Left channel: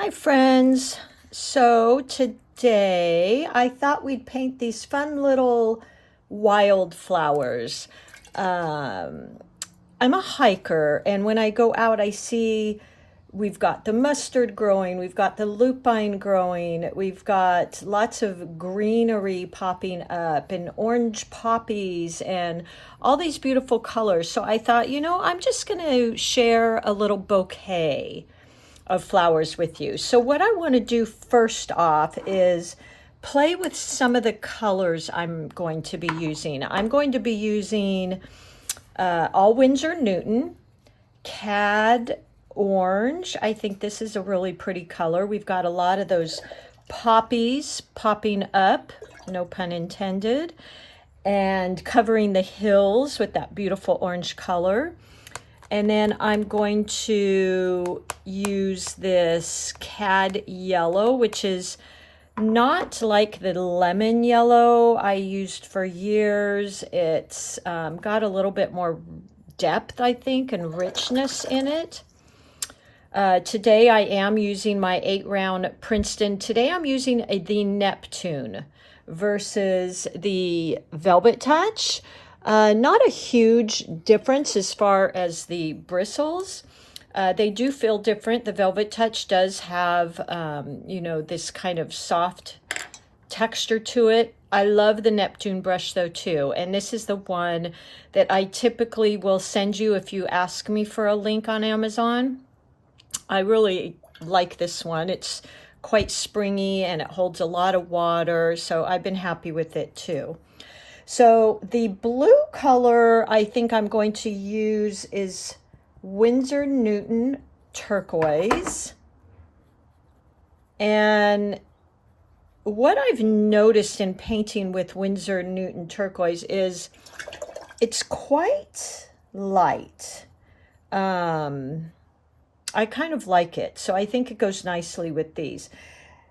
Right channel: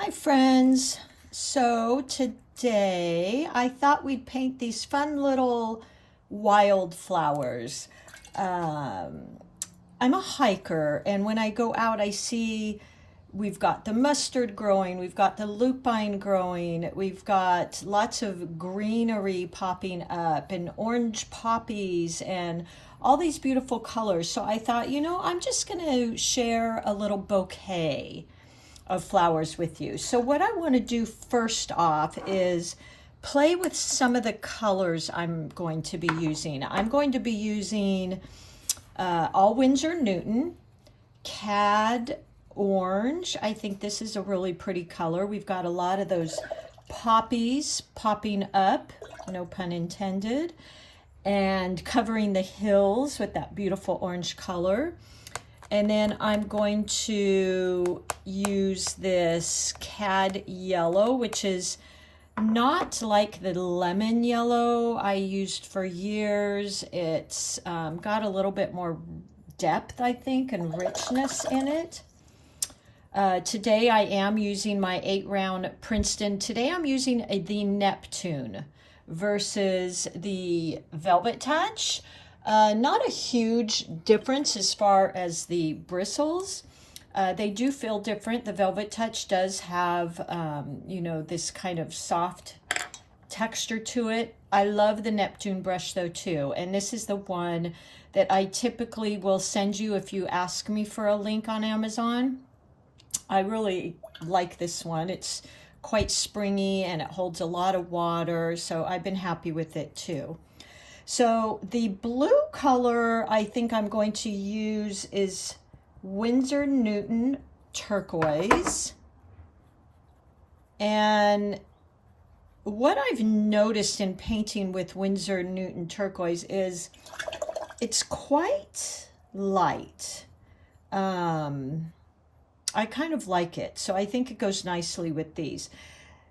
Hi friends. So today I thought we'd paint these fun little wildflowers. Um, I'm a hiker, and when I go out I see we've got the mustard growing, we've got the lupine growing, we've got lots of greenery popping up and orange poppies and all these beautiful colors. So I thought, I'm just going to share a little bouquet of flowers with you. So what I want to do first off is play with some of the colors I'm going to be using. I'm going to be using all Winsor Newton, Cad Orange. I think this is a really pretty color. We've got a lot of those poppies popping up, no pun intended, and covering the hills with that beautiful orange color. And then I'm going to use this Cad Yellow, which is not like the lemon yellow I used for years. It's got a little bit more depth, I think, and richness in it. Today I am using my 8-round Princeton. Today I'm using the Neptune versus the Velvet Touch. Not a huge difference as far as the bristles. They do feel different. The Velvet Touch does have, this kind of soft texture to it. I love the Neptune brush though too. And this is the one that I typically will send you if you ask me for a link on Amazon. I really like this one. It's quite springy and it holds a lot of water. So I've been happy with it too. So the blue color I think I'm going to use is Winsor Newton Turquoise. And what I've noticed in painting with Winsor Newton Turquoise is it's quite light. I kind of like it, so I think it goes nicely with these.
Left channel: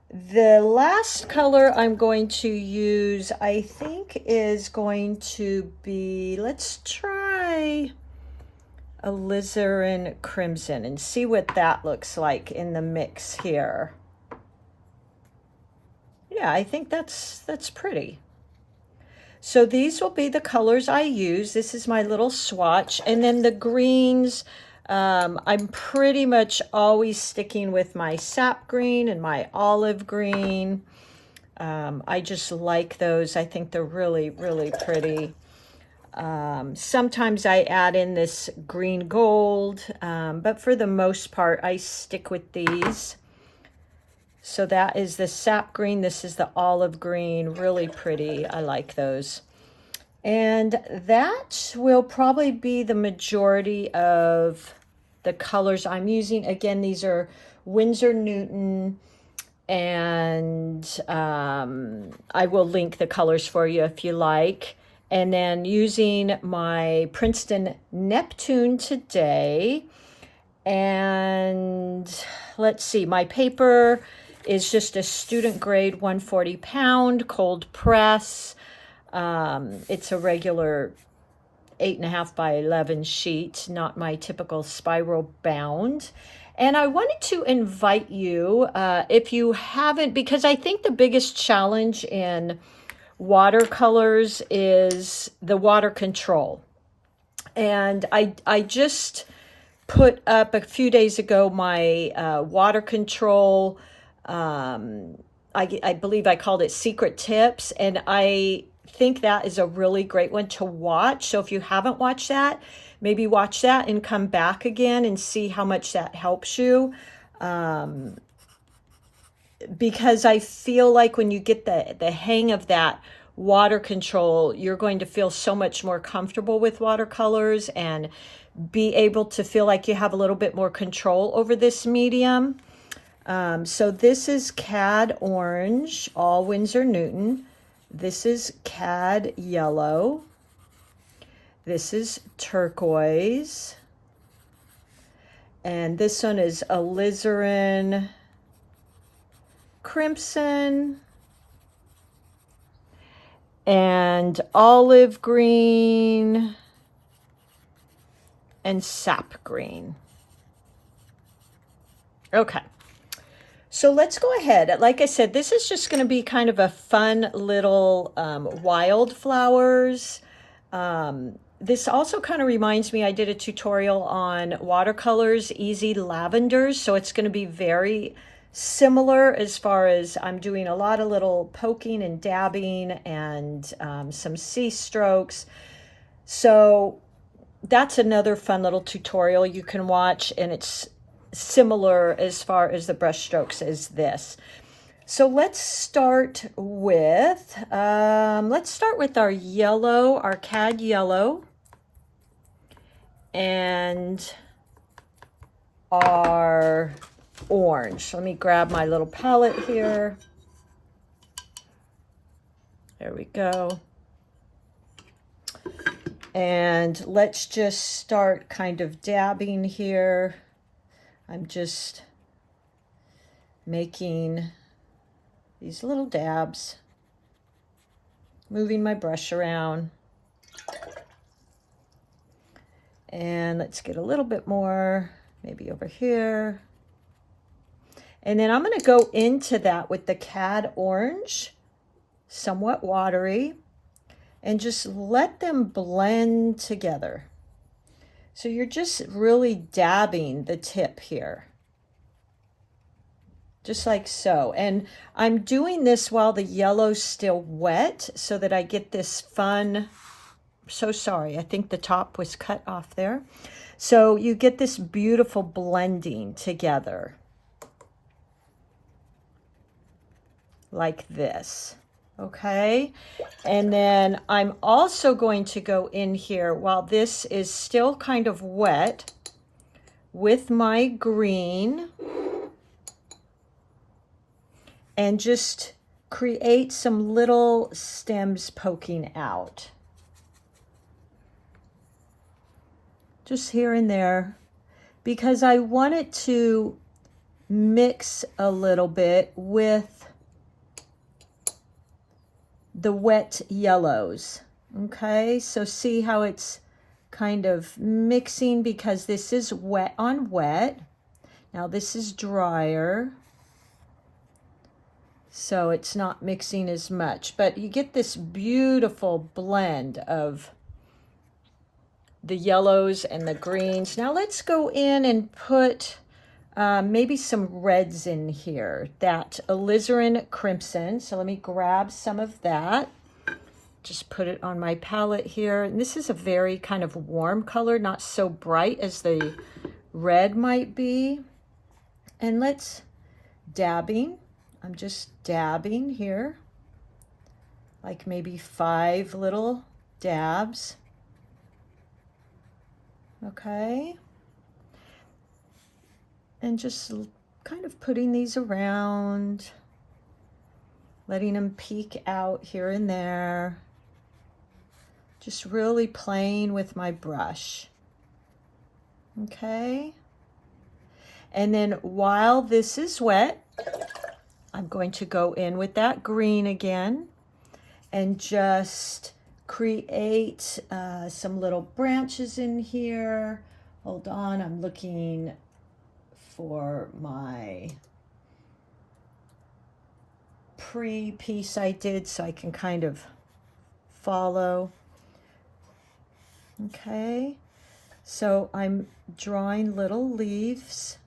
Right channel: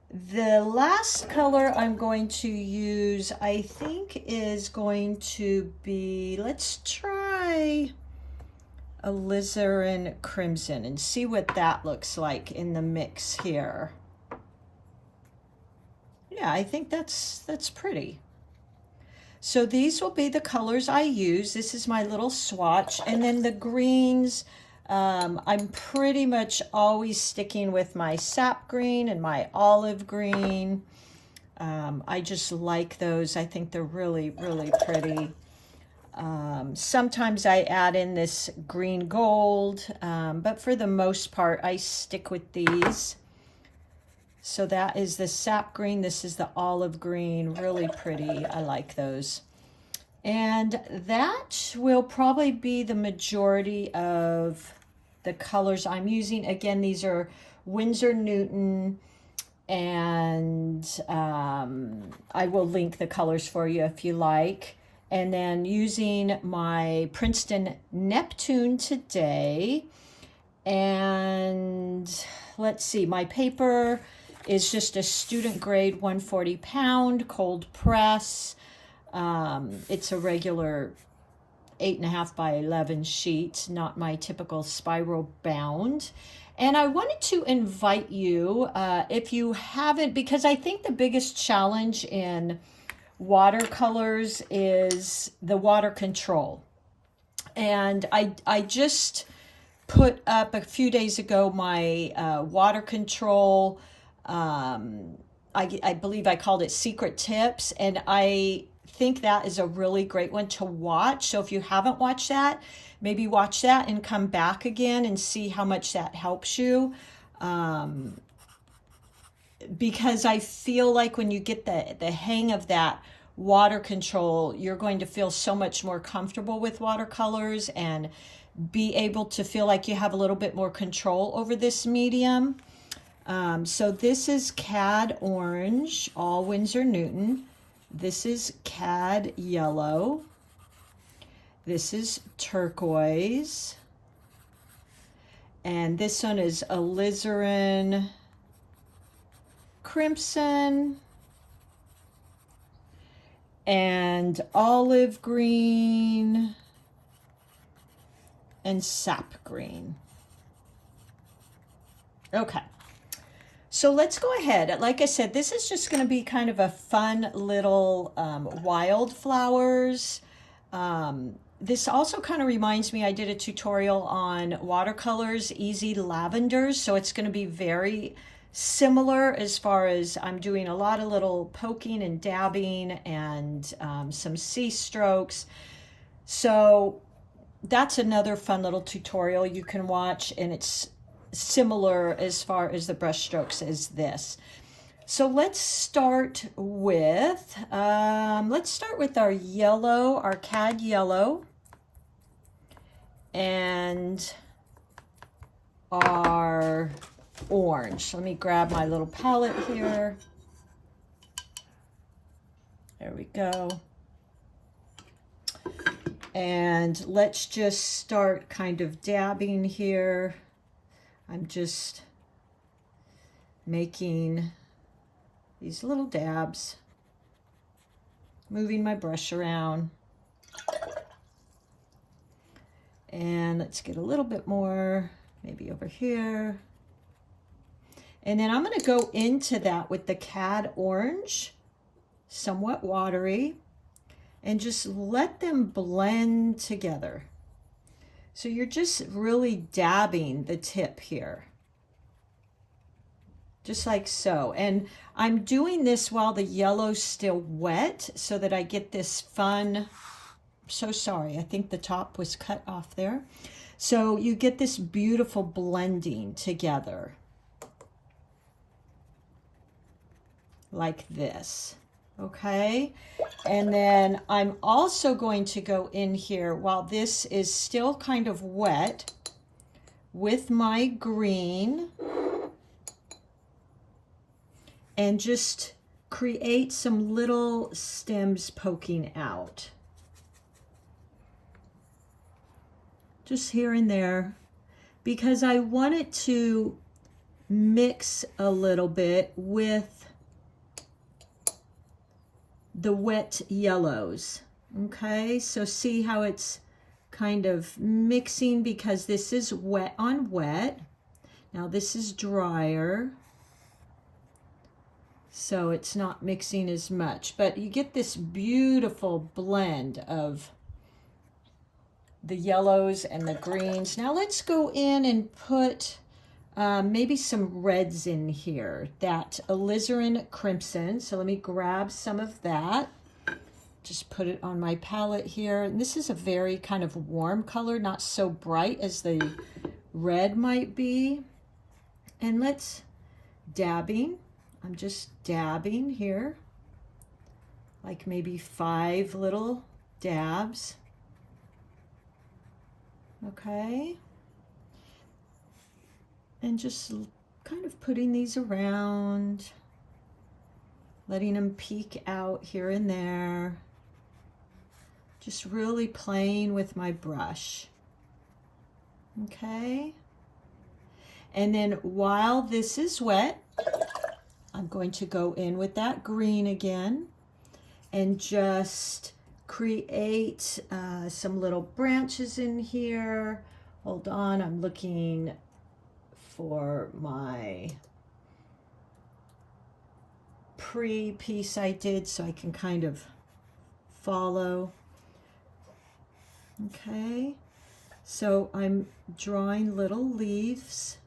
The last color I'm going to use, I think, is going to be, let's try alizarin crimson and see what that looks like in the mix here. Yeah, I think that's pretty. So these will be the colors I use. This is my little swatch. And then the greens, I'm pretty much always sticking with my sap green and my olive green. I just like those. I think they're really, really pretty. Sometimes I add in this green gold, but for the most part, I stick with these. So that is the sap green. This is the olive green. Really pretty. I like those. And that will probably be the majority of the colors I'm using. Again, these are Winsor Newton, and I will link the colors for you if you like. And then using my Princeton Neptune today. And let's see, my paper is just a student grade 140 pound cold press. It's a regular 8.5 by 11 sheet, not my typical spiral bound. And I wanted to invite you, if you haven't, because I think the biggest challenge in watercolors is the water control. And I just put up a few days ago my water control, I believe I called it Secret Tips, and I think that is a really great one to watch. So if you haven't watched that, maybe watch that and come back again and see how much that helps you. Because I feel like when you get the hang of that water control, you're going to feel so much more comfortable with watercolors and be able to feel like you have a little bit more control over this medium. So this is Cad Orange, all Winsor Newton. This is Cad Yellow. This is Turquoise. And this one is alizarin Crimson. And olive green and sap green. Okay. So let's go ahead. Like I said, this is just going to be kind of a fun little wildflowers. This also kind of reminds me, I did a tutorial on watercolors, easy lavenders. So it's going to be very similar as far as I'm doing a lot of little poking and dabbing and some C strokes. So that's another fun little tutorial you can watch, and it's similar as far as the brush strokes as this. So let's start with our yellow, our cad yellow, and our orange. Let me grab my little palette here. There we go. And let's just start kind of dabbing here. I'm just making these little dabs, moving my brush around. And let's get a little bit more, maybe over here. And then I'm going to go into that with the cad orange, somewhat watery, and just let them blend together. So you're just really dabbing the tip here, just like so. And I'm doing this while the yellow's still wet so that I get this fun, so sorry, I think the top was cut off there. So you get this beautiful blending together like this. Okay, and then I'm also going to go in here while this is still kind of wet with my green and just create some little stems poking out. Just here and there, because I want it to mix a little bit with the wet yellows. Okay, so see how it's kind of mixing because this is wet on wet. Now this is drier, so it's not mixing as much, but you get this beautiful blend of the yellows and the greens. Now let's go in and put maybe some reds in here, that alizarin crimson. So let me grab some of that. Just put it on my palette here. And this is a very kind of warm color, not so bright as the red might be. And let's dabbing. I'm just dabbing here, like maybe 5 little dabs. Okay. And just kind of putting these around, letting them peek out here and there. Just really playing with my brush. Okay. And then while this is wet, I'm going to go in with that green again and just create some little branches in here. Hold on, I'm looking for my pre-piece I did so I can kind of follow. Okay, so I'm drawing little leaves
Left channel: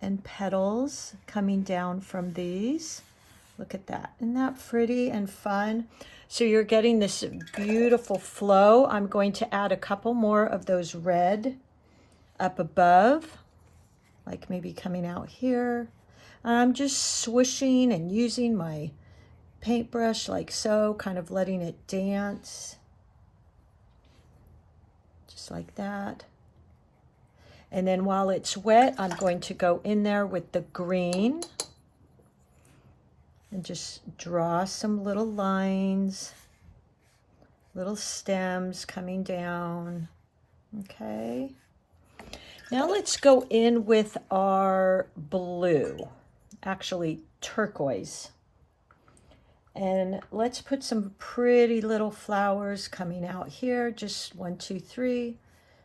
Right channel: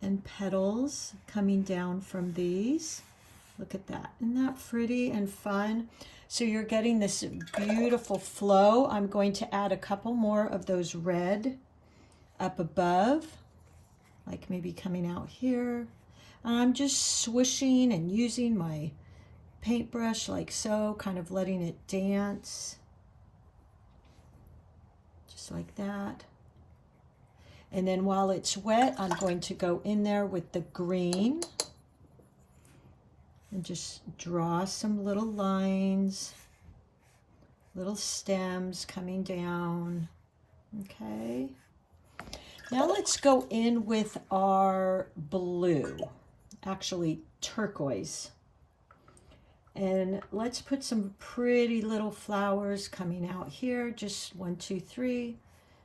and petals coming down from these. Look at that. Isn't that pretty and fun? So you're getting this beautiful flow. I'm going to add a couple more of those red up above, like maybe coming out here. I'm just swishing and using my paintbrush like so, kind of letting it dance. Just like that. And then while it's wet, I'm going to go in there with the green and just draw some little lines, little stems coming down. Okay. Now let's go in with our blue, actually turquoise. And let's put some pretty little flowers coming out here. Just 1, 2, 3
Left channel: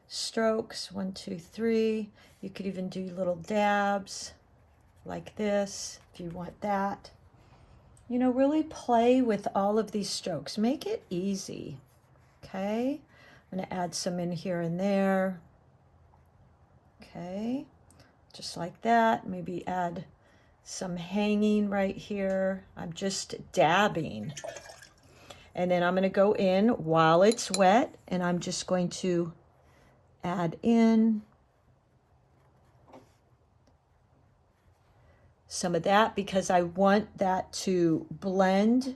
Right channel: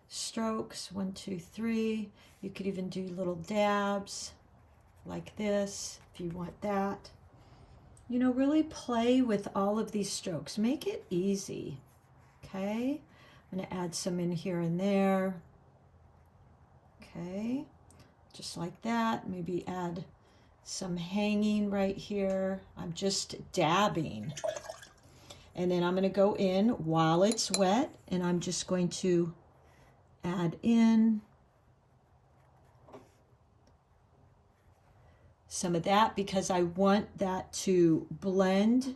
strokes, 1, 2, 3. You could even do little dabs like this. if you want that. You know, really play with all of these strokes. Make it easy, okay? I'm gonna add some in here and there. Okay, just like that. Maybe add some hanging right here. I'm just dabbing. And then I'm going to go in while it's wet, and I'm just going to add in some of that because I want that to blend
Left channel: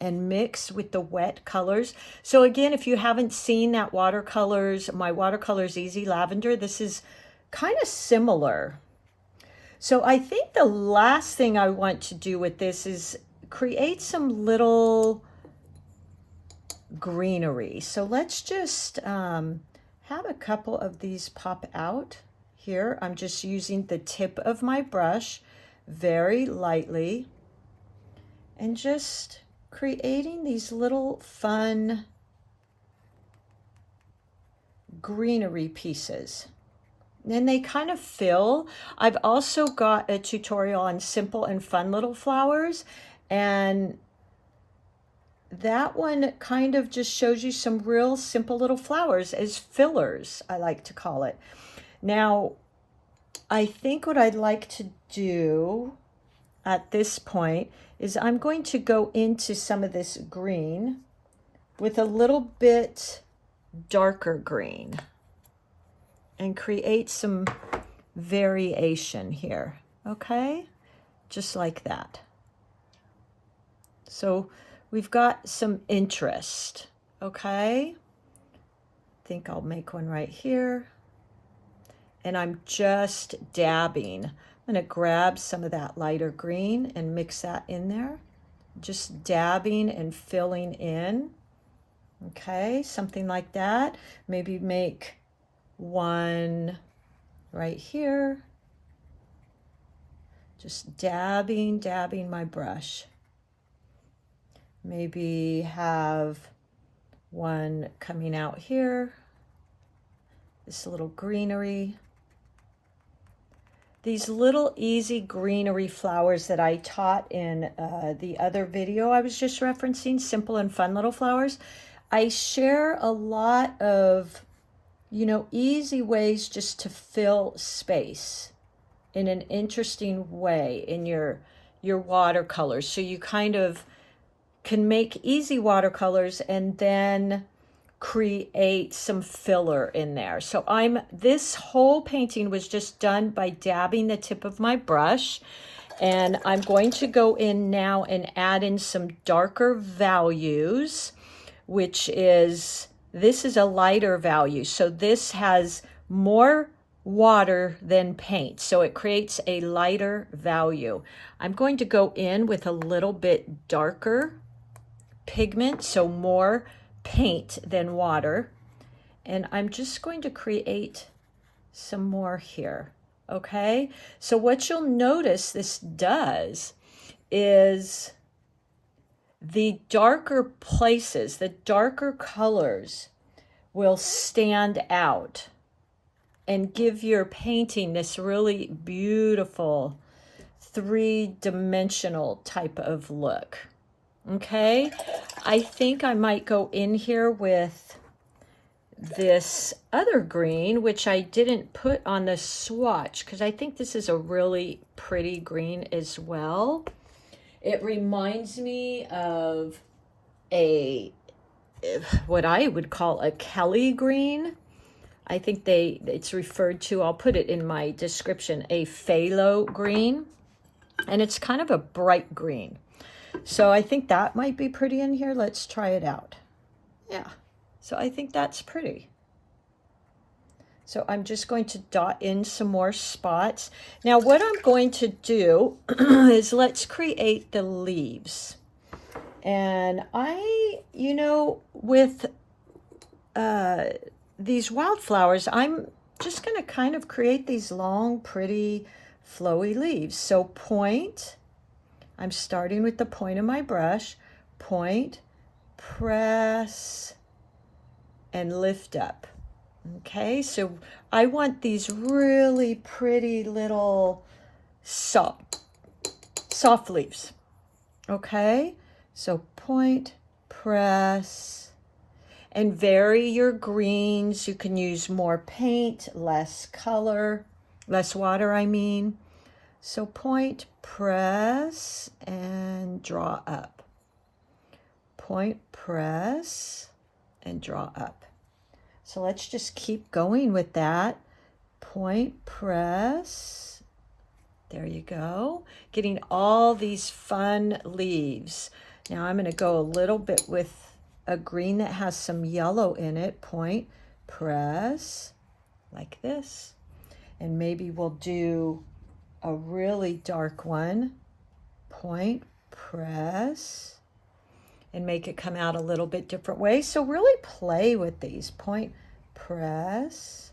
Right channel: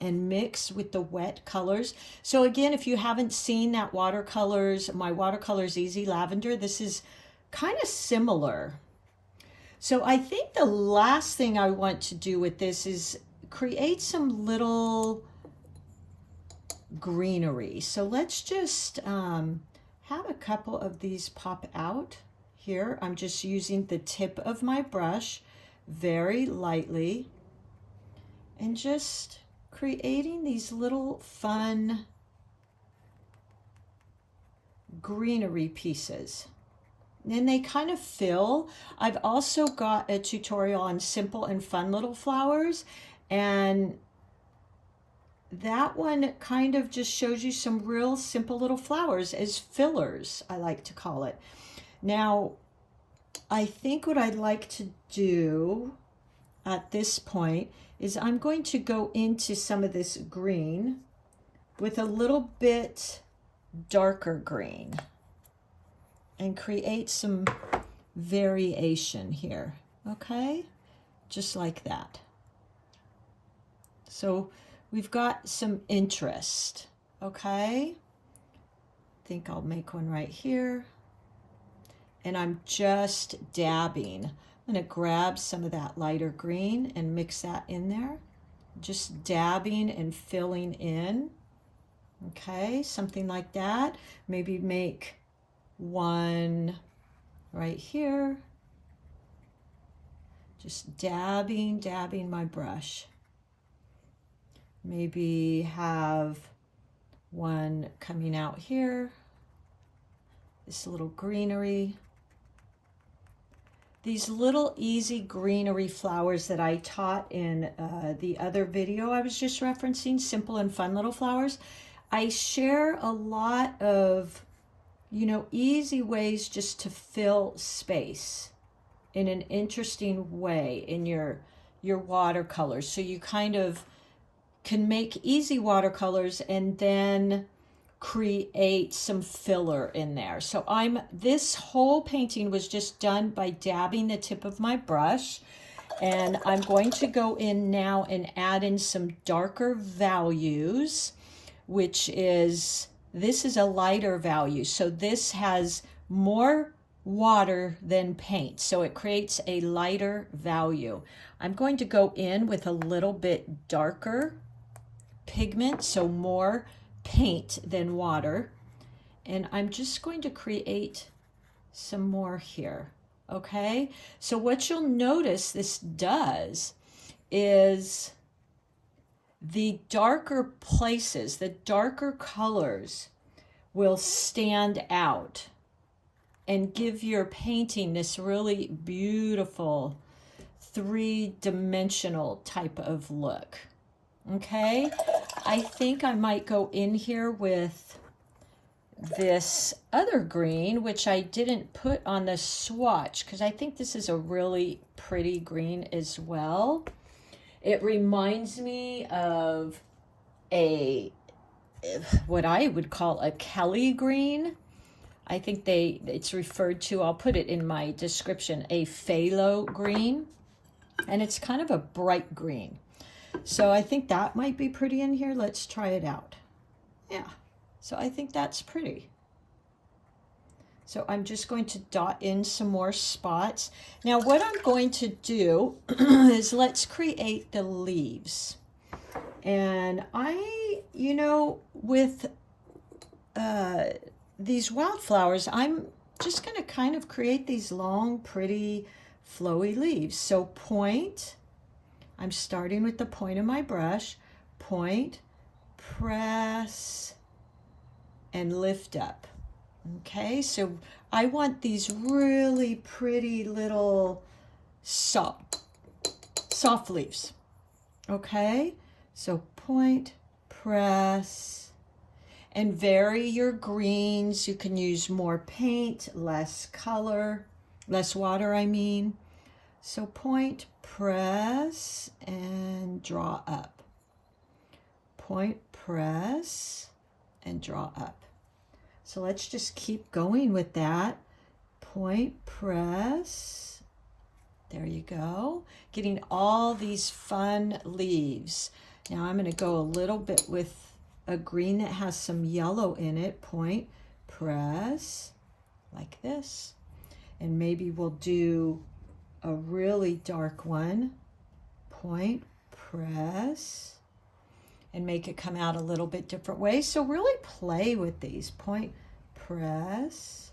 and mix with the wet colors. So again, if you haven't seen that watercolors, my Watercolors Easy Lavender, this is kind of similar. So I think the last thing I want to do with this is create some little greenery. So let's just have a couple of these pop out here. I'm just using the tip of my brush very lightly and just creating these little fun greenery pieces. And they kind of fill. I've also got a tutorial on simple and fun little flowers, and that one kind of just shows you some real simple little flowers as fillers, I like to call it. Now, I think what I'd like to do at this point is I'm going to go into some of this green with a little bit darker green and create some variation here, okay? Just like that. So we've got some interest, okay? I think I'll make one right here. And I'm just dabbing. I'm gonna grab some of that lighter green and mix that in there. Just dabbing and filling in, okay? Something like that. Maybe make one right here. Just dabbing my brush. Maybe have one coming out here. This little greenery. These little easy greenery flowers that I taught in the other video I was just referencing, simple and fun little flowers. I share a lot of, you know, easy ways just to fill space in an interesting way in your watercolors. So you kind of can make easy watercolors and then create some filler in there. So this whole painting was just done by dabbing the tip of my brush, and I'm going to go in now and add in some darker values, which is, this is a lighter value. So this has more water than paint. So it creates a lighter value. I'm going to go in with a little bit darker pigment, so more paint than water. And I'm just going to create some more here, okay? So what you'll notice this does is the darker places, the darker colors will stand out and give your painting this really beautiful three-dimensional type of look. Okay, I think I might go in here with this other green, which I didn't put on the swatch because I think this is a really pretty green as well. It reminds me of what I would call a Kelly green. I think it's referred to, I'll put it in my description, a phthalo green. And it's kind of a bright green. So I think that might be pretty in here. Let's try it out. Yeah, so I think that's pretty. So I'm just going to dot in some more spots. Now what I'm going to do is let's create the leaves. And you know, with these wildflowers, I'm just going to kind of create these long, pretty, flowy leaves. So point, I'm starting with the point of my brush, point, press, and lift up. Okay, so I want these really pretty little soft leaves. Okay, so point, press, and vary your greens. You can use more paint, less color, less water, I mean. So point, press, and draw up. Point, press, and draw up. So let's just keep going with that. Point, press. There you go. Getting all these fun leaves. Now I'm going to go a little bit with a green that has some yellow in it. Point, press, like this. And maybe we'll do a really dark one. Point, press, and make it come out a little bit different way. So really play with these. Point, press,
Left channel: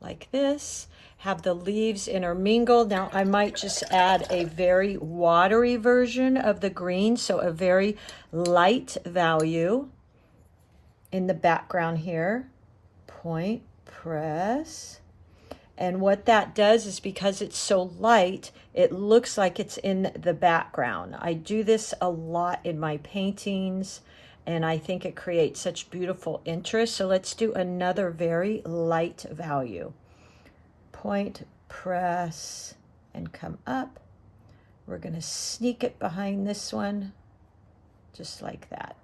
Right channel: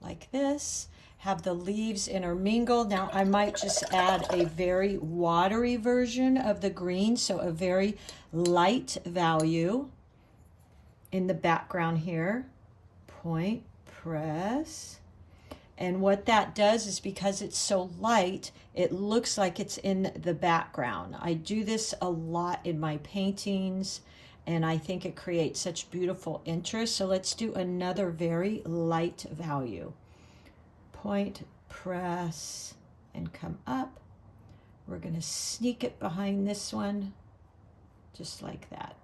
like this. Have the leaves intermingle. Now I might just add a very watery version of the green, so a very light value in the background here. Point, press. And what that does is, because it's so light, it looks like it's in the background. I do this a lot in my paintings, and I think it creates such beautiful interest. So let's do another very light value. Point, press, and come up. We're going to sneak it behind this one, just like that.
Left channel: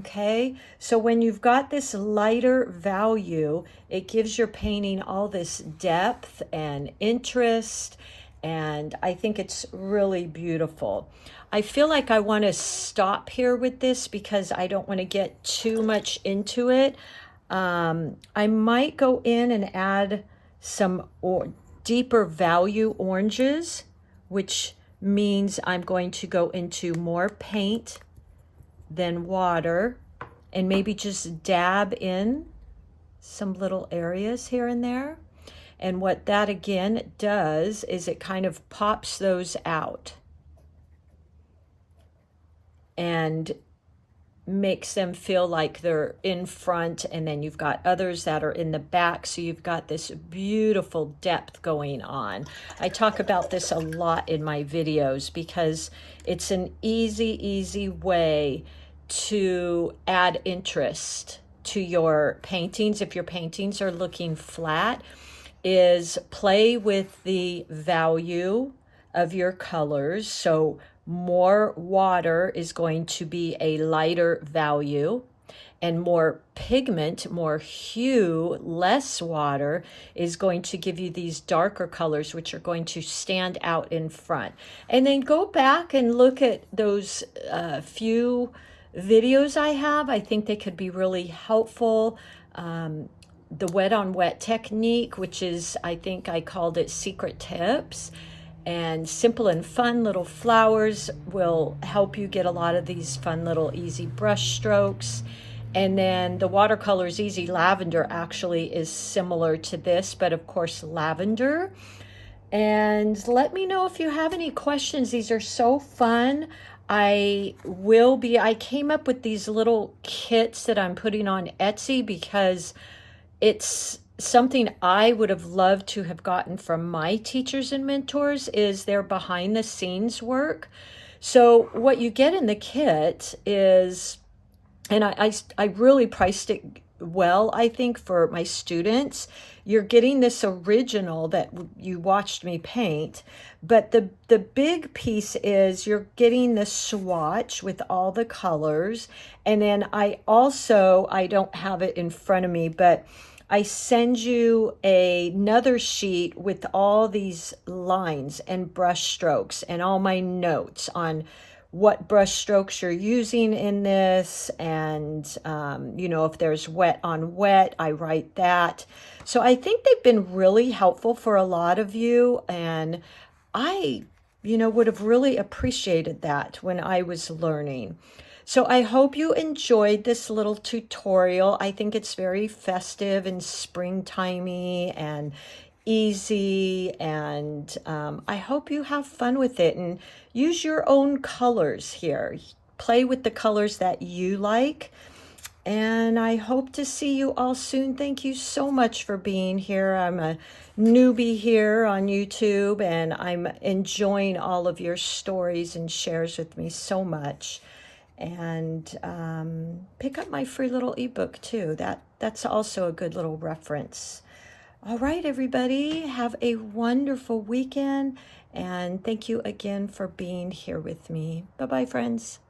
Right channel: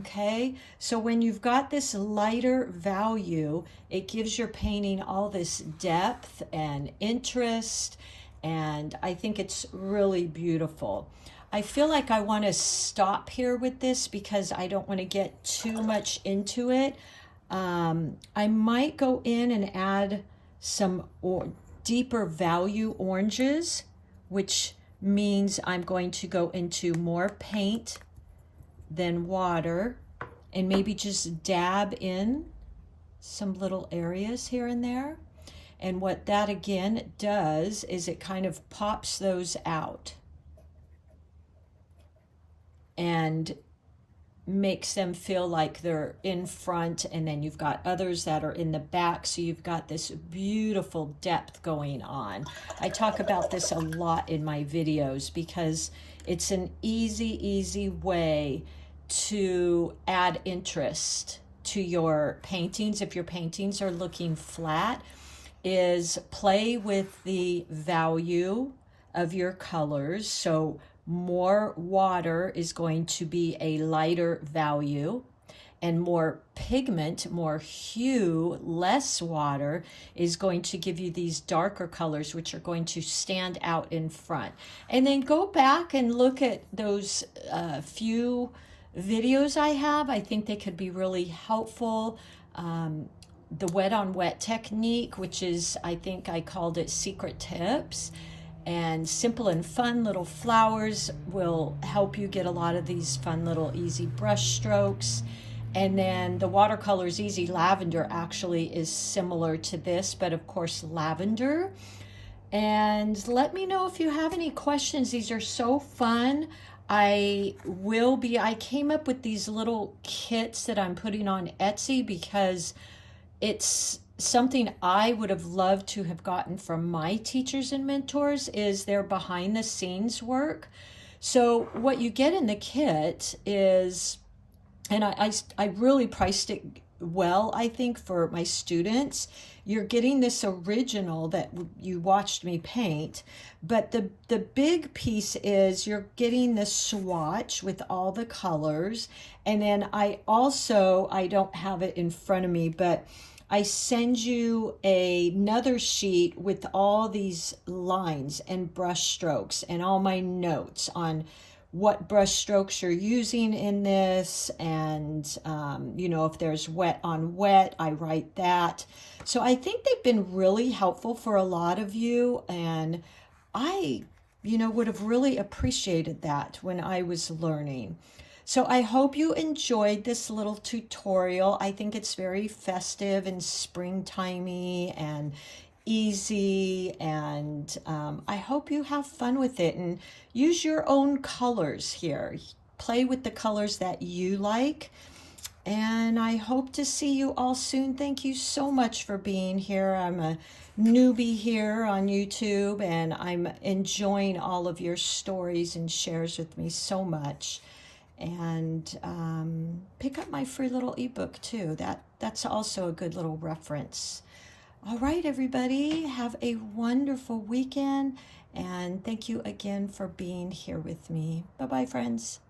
Okay, so when you've got this lighter value, it gives your painting all this depth and interest, and I think it's really beautiful. I feel like I want to stop here with this because I don't want to get too much into it. I might go in and add some deeper value oranges, which means I'm going to go into more paint than water, and maybe just dab in some little areas here and there. And what that again does is it kind of pops those out and makes them feel like they're in front, and then you've got others that are in the back, so you've got this beautiful depth going on. I talk about this a lot in my videos because it's an easy way to add interest to your paintings. If your paintings are looking flat, is play with the value of your colors. So more water is going to be a lighter value, and more pigment, more hue, less water is going to give you these darker colors, which are going to stand out in front. And then go back and look at those few videos I have. I think they could be really helpful. The wet on wet technique, which is, I think I called it secret tips, and simple and fun little flowers will help you get a lot of these fun little easy brush strokes. And then the watercolors easy lavender actually is similar to this, but of course lavender. And let me know if you have any questions. These are so fun. I came up with these little kits that I'm putting on Etsy because it's something I would have loved to have gotten from my teachers and mentors, is their behind the scenes work. So what you get in the kit is, and I really priced it well, I think, for my students. You're getting this original that you watched me paint, but the big piece is you're getting the swatch with all the colors. And then I don't have it in front of me, but I send you another sheet with all these lines and brush strokes and all my notes on what brush strokes you're using in this, and if there's wet on wet, I write that. So I think they've been really helpful for a lot of you, and I would have really appreciated that when I was learning. So I hope you enjoyed this little tutorial. I think it's very festive and springtimey and easy, and I hope you have fun with it and use your own colors here. Play with the colors that you like, and I hope to see you all soon. Thank you so much for being here. I'm a newbie here on YouTube, and I'm enjoying all of your stories and shares with me so much. And pick up my free little ebook too. That's also a good little reference. All right, everybody, have a wonderful weekend, and thank you again for being here with me. Bye-bye, friends.